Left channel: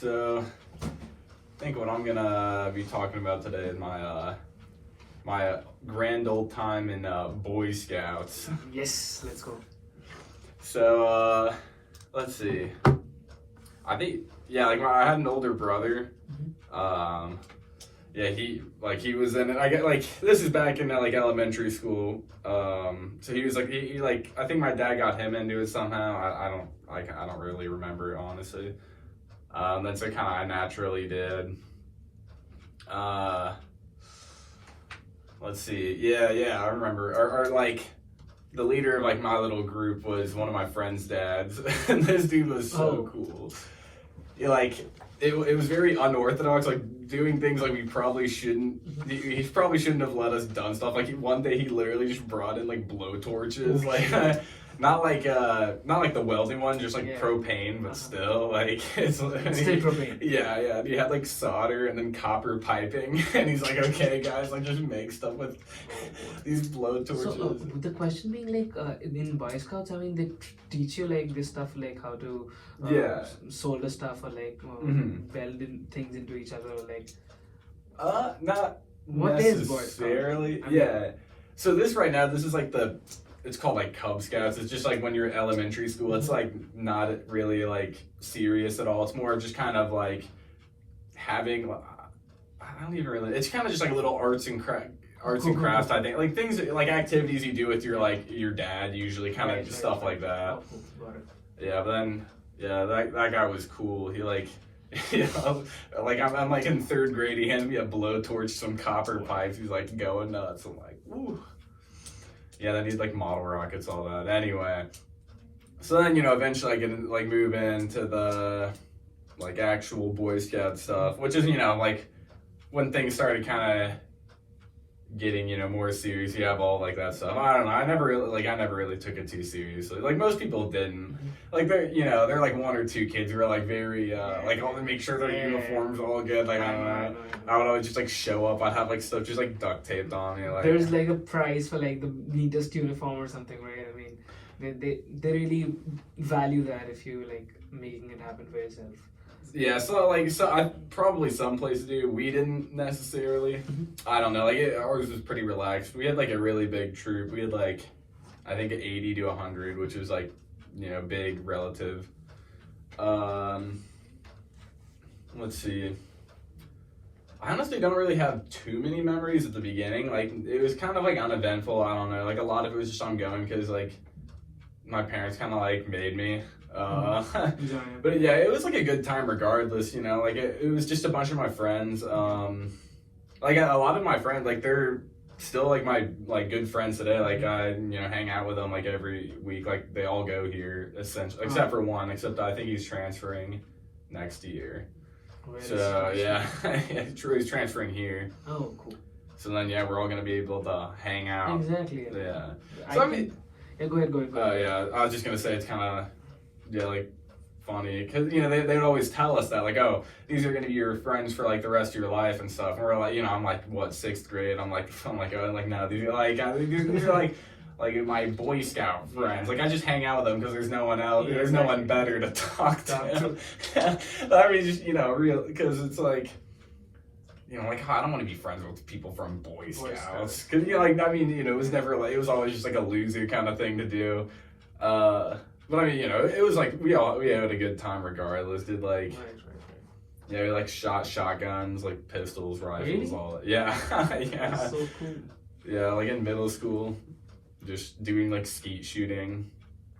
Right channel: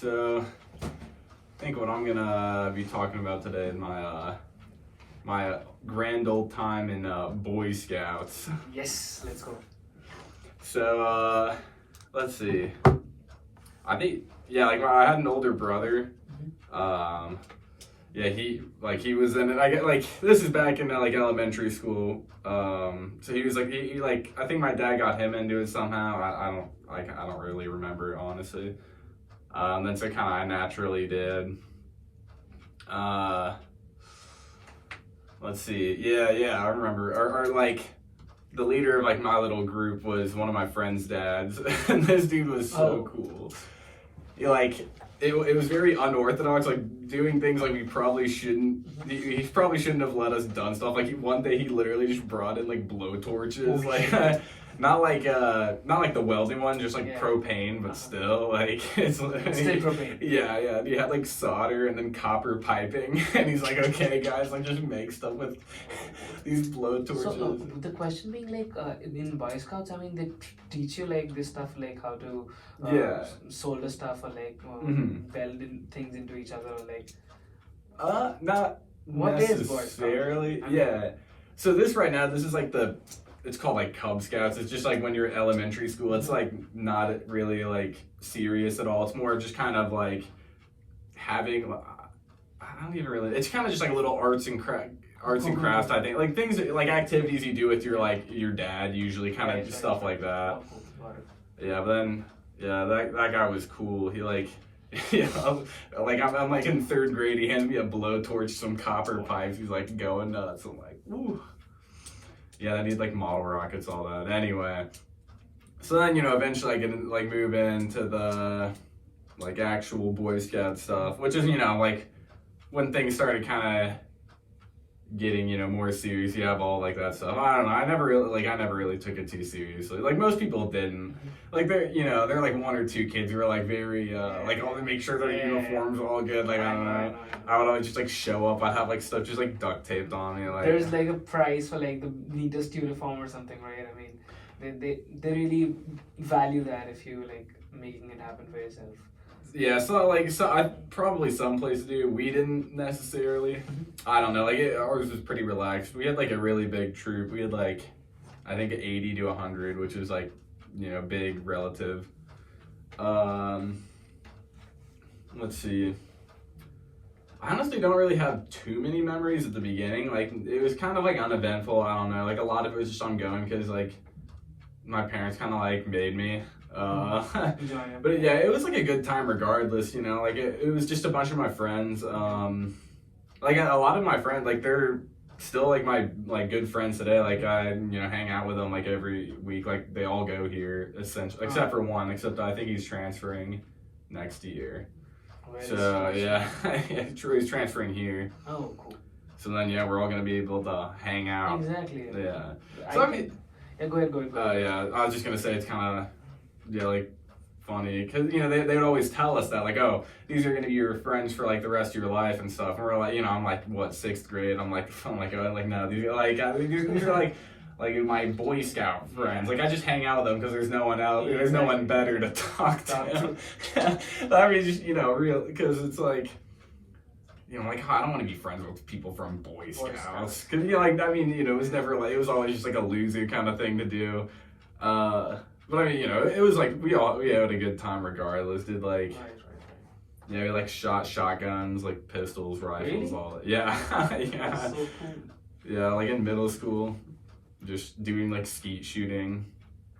So I think what I'm gonna be talking about today is my grand old time in Boy Scouts. Yes, let's go. So let's see. I think like I had an older brother. Yeah, he was in it. I get like this is back in like elementary school. So he was like he like I think my dad got him into it somehow. I don't really remember honestly. Then so kind of naturally did. Let's see. Yeah, I remember. Or like the leader of like my little group was one of my friend's dads, and this dude was so cool. It was very unorthodox, like doing things like we probably shouldn't. He probably shouldn't have let us done stuff. Like one day he literally just brought in like blowtorches, like not like the welding one, just like propane, but still like it's still propane. Yeah. He had like solder and then copper piping, and he's like, okay guys, like just make stuff with these blowtorches. So the question being like in Boy Scouts, I mean they teach you like this stuff, like how to solder stuff or like weld in things into each other or like not what necessarily. Is Boy Scouts? So this right now, this is like it's called like Cub Scouts. It's just like when you're elementary school, it's like not really like serious at all. It's more just kind of like having, I don't even really, it's kind of just like a little arts and crafts, I think. Like things, like activities you do with your dad usually, kind of stuff like that. Yeah, but then, that guy was cool. He like, like I'm like in third grade, he handed me a blowtorch, some copper pipes. He's like going nuts. I'm like, ooh. Yeah, they need like model rockets, all that. Anyway, so then eventually I get like move into the like actual Boy Scout stuff, which is like when things started kind of getting more serious. You have all like that stuff. I don't know. I never really took it too seriously. Like most people didn't. Like they're like one or two kids who are like very like all make sure their uniforms are all good. Like I don't know. I would always just like show up. I'd have like stuff just like duct taped on me. Like there's like a prize for like the neatest uniform or something, right? I mean, they really value that if you like making it happen for yourself. Yeah, so I probably some places do. We didn't necessarily. I don't know. Like ours was pretty relaxed. We had like a really big troop. We had like I think 80 to 100, which is like big relative. Let's see. I honestly don't really have too many memories at the beginning. Like it was kind of like uneventful. I don't know. Like a lot of it was just ongoing because like my parents kind of like made me. But yeah, it was like a good time regardless. Like it was just a bunch of my friends. Like a lot of my friends, like they're still like my like good friends today. Like I hang out with them like every week. Like they all go here essentially, except for one. Except I think he's transferring next year. So yeah, he's transferring here. Oh, cool. So then we're all gonna be able to hang out. Exactly. Yeah. So I mean, go ahead. Yeah, I was just gonna say it's kind of like funny because they would always tell us that like, oh, these are gonna be your friends for like the rest of your life and stuff. And we're like, I'm like what, 6th grade? I'm like oh, no, these are like my Boy Scout friends. Like I just hang out with them because there's no one else. There's no one better to talk to. I mean, just real because it's like. Like I don't want to be friends with people from Boy Scouts. Cause it was never like it was always just like a loser kind of thing to do. But I mean, it was like we had a good time regardless. Did like we like shotguns, like pistols, rifles, all that. Yeah. That's so cool. Yeah, like in middle school, just doing like skeet shooting.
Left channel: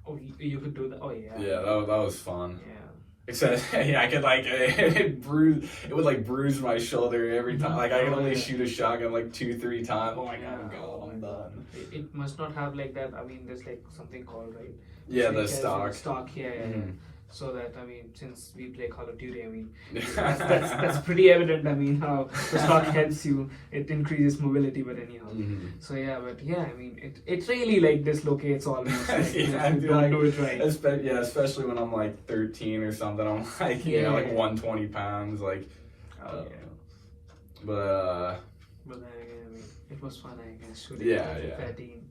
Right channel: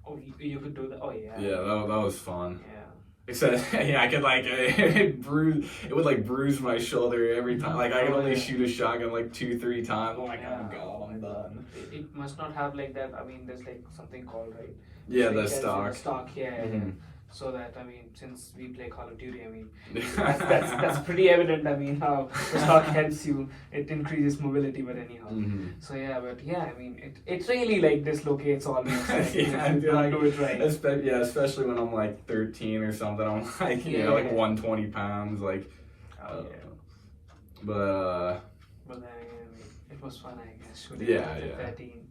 Oh, you could do that. Oh yeah. Yeah, that was fun. Yeah. Except, I could like it would like bruise my shoulder every time. Like I could only shoot a shotgun like 2-3 times. Oh my god, I'm done. It must not have like that. I mean, there's like something called Yeah, the stock. Yeah. So that since we play Call of Duty, that's pretty evident. How the stock helps you. It increases mobility, but anyhow. So it really like dislocates all these things. Like, do it right. Especially when I'm like 13 or something. I'm like like 120 pounds. Like, but then again, it was fun. I guess shooting. 13.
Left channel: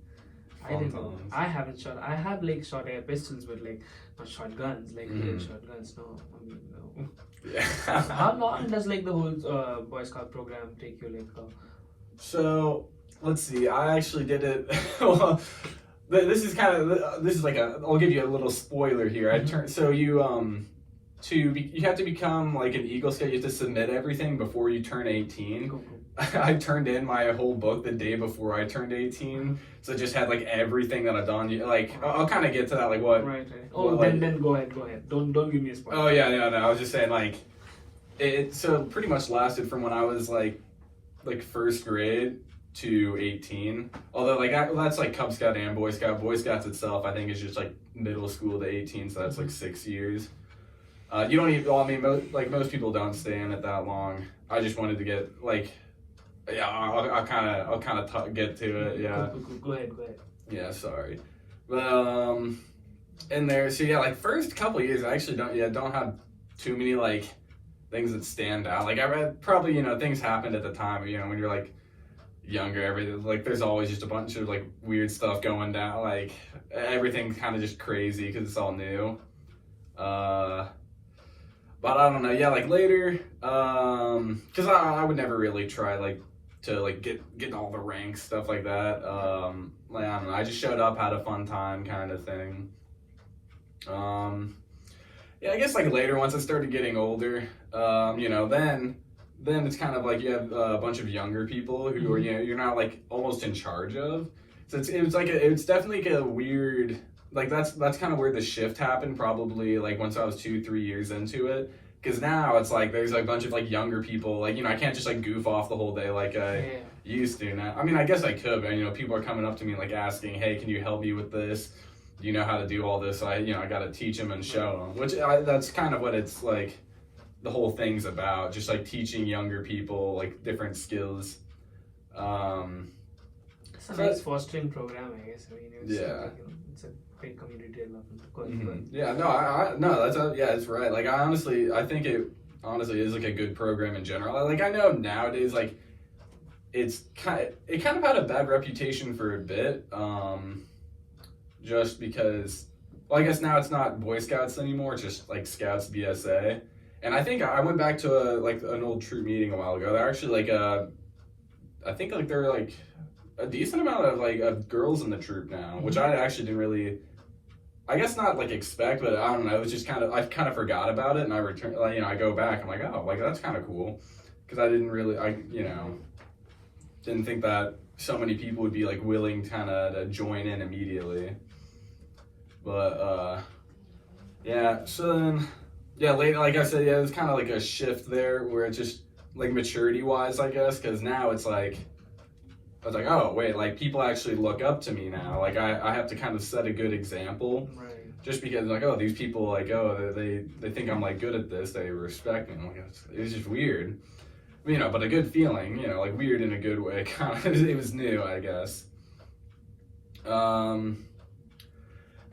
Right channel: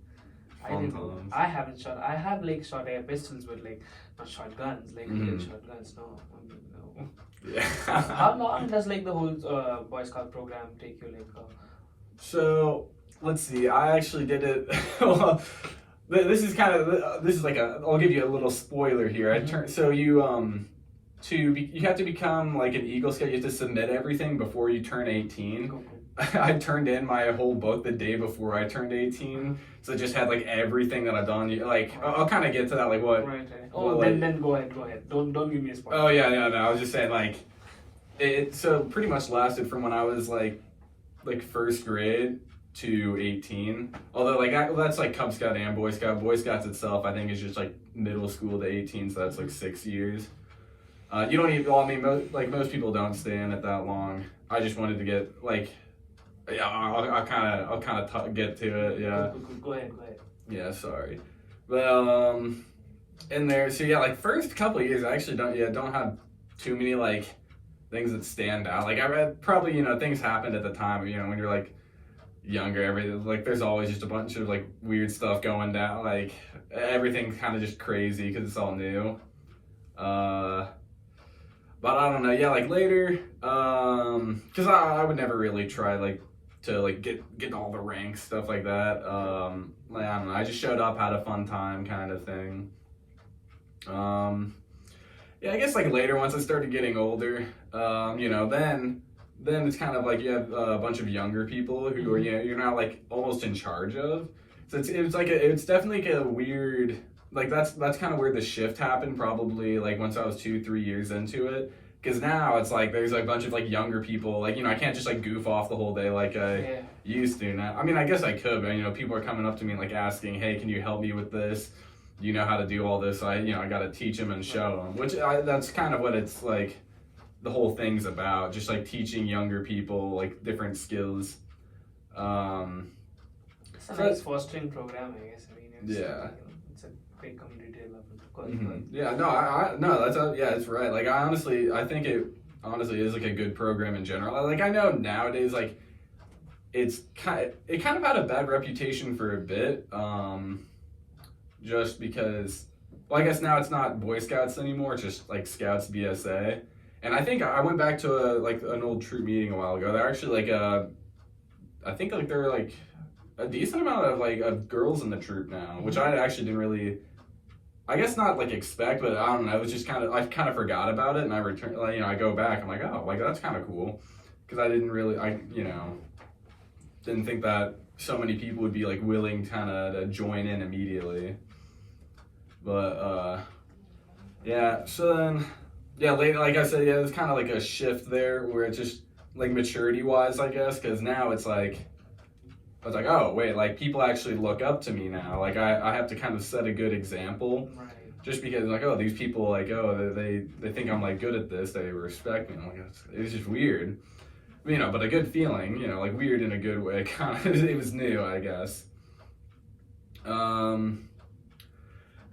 I didn't know. I haven't shot. I have like shot air pistols, but like not shotguns. Like real shotguns. No, I mean, no. Yeah. How long does like the whole Boy Scout program take you? Like, So let's see. I actually did it. Well, this is kind of this is like a. I'll give you a little spoiler here. So you you have to become like an Eagle Scout. You have to submit everything before you turn 18. I turned in my whole book the day before I turned 18, so it just had like everything that I've done. Like I'll kind of get to that, like what. Right. Oh, then go ahead. Don't give me a spoiler. Oh yeah, no. I was just saying like it. So pretty much lasted from when I was like first grade to 18. Although like that's like Cub Scout and Boy Scout. Boy Scouts itself, I think, is just like middle school to 18, so that's like 6 years. You don't even. Well, I mean, most people don't stay in it that long. I just wanted to get like. Yeah, I'll kind of get to it. Yeah. Go ahead. Yeah, sorry. But in there, so yeah, like first couple of years, I actually don't have too many like things that stand out. Like I read probably things happened at the time. When you're like younger, everything like there's always just a bunch of like weird stuff going down. Like everything's kind of just crazy because it's all new. But I don't know. Yeah, like later, because I would never really try like to like get all the ranks, stuff like that. Like I don't know. I just showed up, had a fun time, kind of thing. Yeah, I guess like later, once I started getting older, then it's kind of like you have a bunch of younger people who are you're not like almost in charge of. So it's definitely like a weird. Like that's kind of where the shift happened, probably like once I was 2-3 years into it, because now it's like there's a bunch of like younger people, like I can't just like goof off the whole day like I used to. Now I mean I guess I could, but people are coming up to me like asking, hey, can you help me with this? Do you know how to do all this? So I got to teach them and show them, which that's kind of what it's like. The whole thing's about just like teaching younger people like different skills. It's a nice fostering program, I guess. I mean, it's a great community development. Yeah, it's right. Like I think it honestly is like a good program in general. Like I know nowadays, like it kind of had a bad reputation for a bit, just because. Well, I guess now it's not Boy Scouts anymore. It's just like Scouts BSA. And I think I went back to an old troop meeting a while ago. They're actually like I think like there are like a decent amount of of girls in the troop now, which I actually didn't really. I guess not like expect, but I don't know. It was just I kind of forgot about it, and I returned. I go back. I'm like, oh, like that's kind of cool, because I didn't really, didn't think that so many people would be like willing kind of to join in immediately. But yeah. So then, yeah, like I said, yeah, it's kind of like a shift there where it's just like maturity wise, I guess, because now it's like. I was like, oh, wait, like, people actually look up to me now. Like, I have to kind of set a good example. Right. Just because, like, oh, these people, like, oh, they think I'm, like, good at this. They respect me. Like, it's just weird. But a good feeling, like, weird in a good way. Kind of, it was new, I guess. And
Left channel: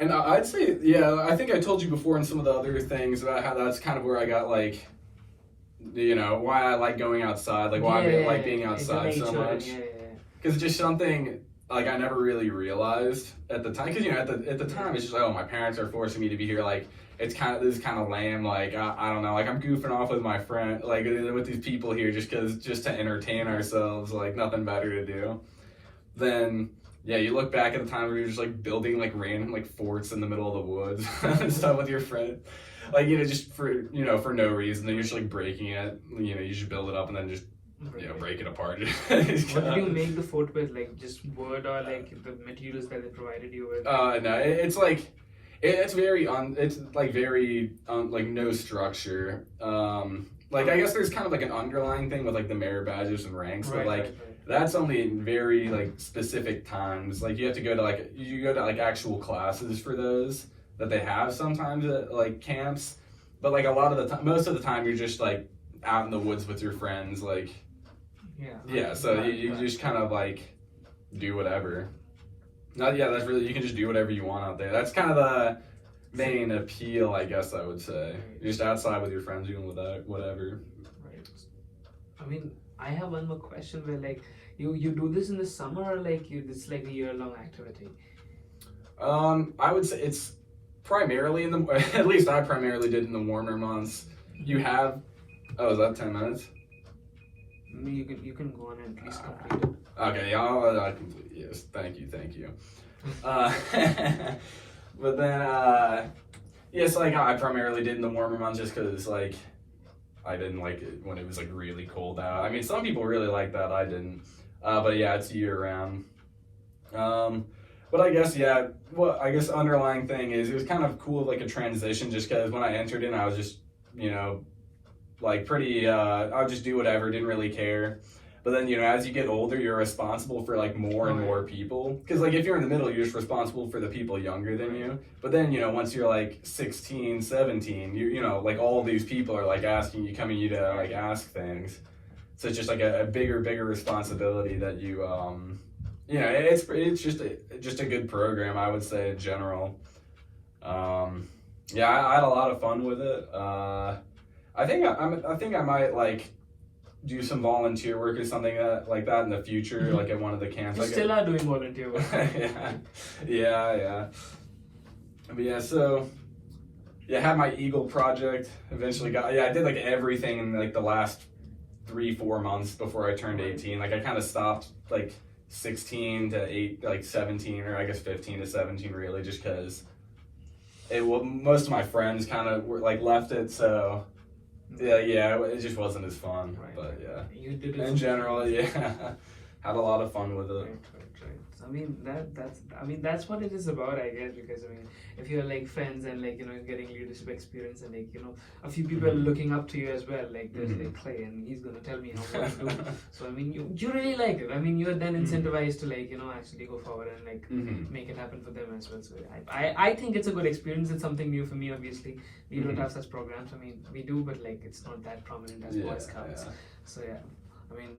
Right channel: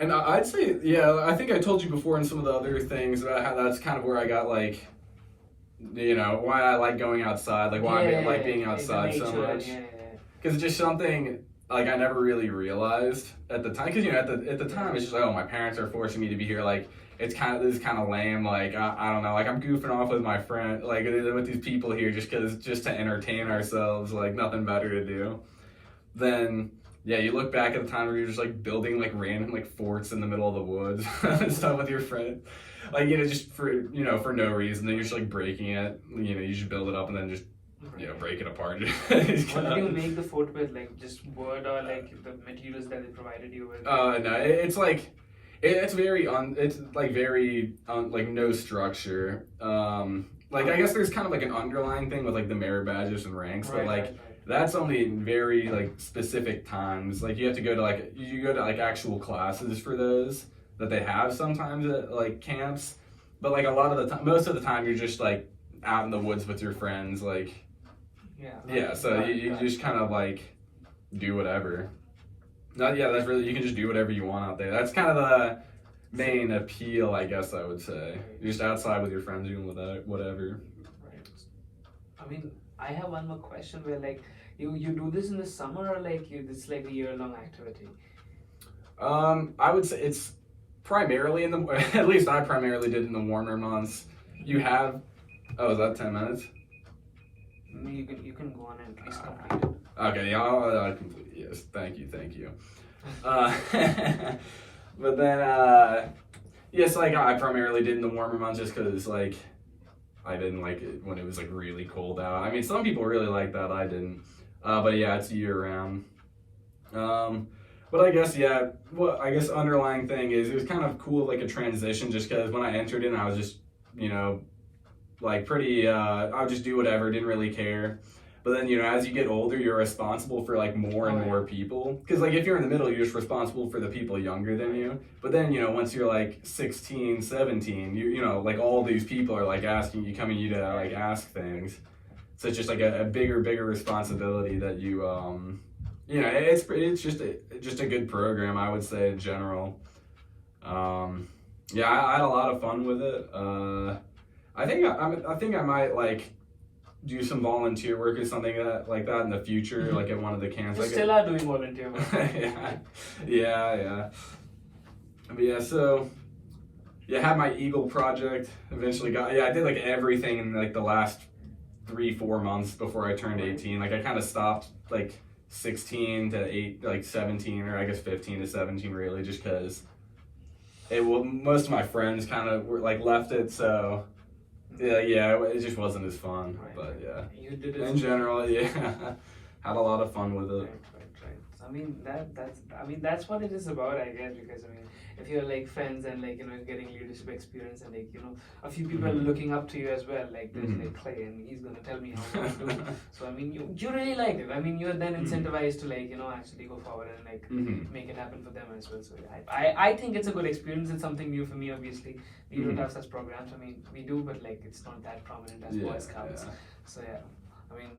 I'd say, yeah, I think I told you before in some of the other things about how that's kind of where I got, like, why I like going outside. Like, why I like being outside so much. Because it's just something like I never really realized at the time. Because at the time it's just like, oh, my parents are forcing me to be here. Like this is kind of lame. Like I don't know. Like I'm goofing off with my friend, like with these people here, just to entertain ourselves. Like nothing better to do. Then yeah, you look back at the time where you're just like building like random like forts in the middle of the woods and stuff with your friend. Like just for for no reason. Then you're just like breaking it. You just build it up and then just. Break it apart. What did you make the fort with? Like just wood or like the materials that they provided you with? No, it's like it's very like no structure. Like I guess there's kind of like an underlying thing with like the merit badges and ranks, but like that's only very like specific times. Like you have to go to like actual classes for those that they have sometimes at like camps, but like a lot of the time, most of the time you're just like out in the woods with your friends, like. Yeah, so you just kind of like do whatever. That's really, you can just do whatever you want out there. That's kind of the main appeal, I guess I would say. You're just outside with your friends doing whatever. Right. I mean, I have one more question where like you do this in the summer or like this is like a year-long activity? I would say it's primarily in the, at least I primarily did in the warmer months. You have, oh, is that 10 minutes? You can go on and please complete it. Okay, yeah, I'll complete. Yes, thank you. But then, yes, like I primarily did in the warmer months just because like I didn't like it when it was like really cold out. I mean, some people really like that. I didn't. But yeah, it's year round. But I guess, yeah, well, I guess underlying thing is it was kind of cool, like a transition, just because when I entered in, I was just, you know, like pretty, I would just do whatever, didn't really care. But then, you know, as you get older, you're responsible for like more and more people. Because like if you're in the middle, you're just responsible for the people younger than you. But then, you know, once you're like 16, 17, you know, like all these people are like asking you, coming you to like ask things. So it's just like a bigger responsibility that you, you know, it's just a good program, I would say, in general. Yeah, I had a lot of fun with it. I think I might like do some volunteer work or something like that in the future, like at one of the camps. You still are doing volunteer work. yeah. But yeah, so yeah, had my Eagle project. Eventually I did like everything in like the last 3-4 months before I turned 18. Like I kind of stopped like 16 to 17, or I guess 15 to 17 really, just because most of my friends kind of were like left it, so yeah, it just wasn't as fun. Right, but yeah, you did it in general, yeah, had a lot of fun with it. Right. I mean that's what it is about, I guess, because I mean if you're like friends and like, you know, getting leadership experience and like, you know, a few people looking up to you as well, like there's like Clay and he's gonna tell me how to do. So I mean you really like it. I mean you're then incentivized to like, you know, actually go forward and like make it happen for them as well. So I think it's a good experience. It's something new for me, obviously. We don't have such programs. I mean we do, but like it's not that prominent as Boy Scouts. So yeah, I mean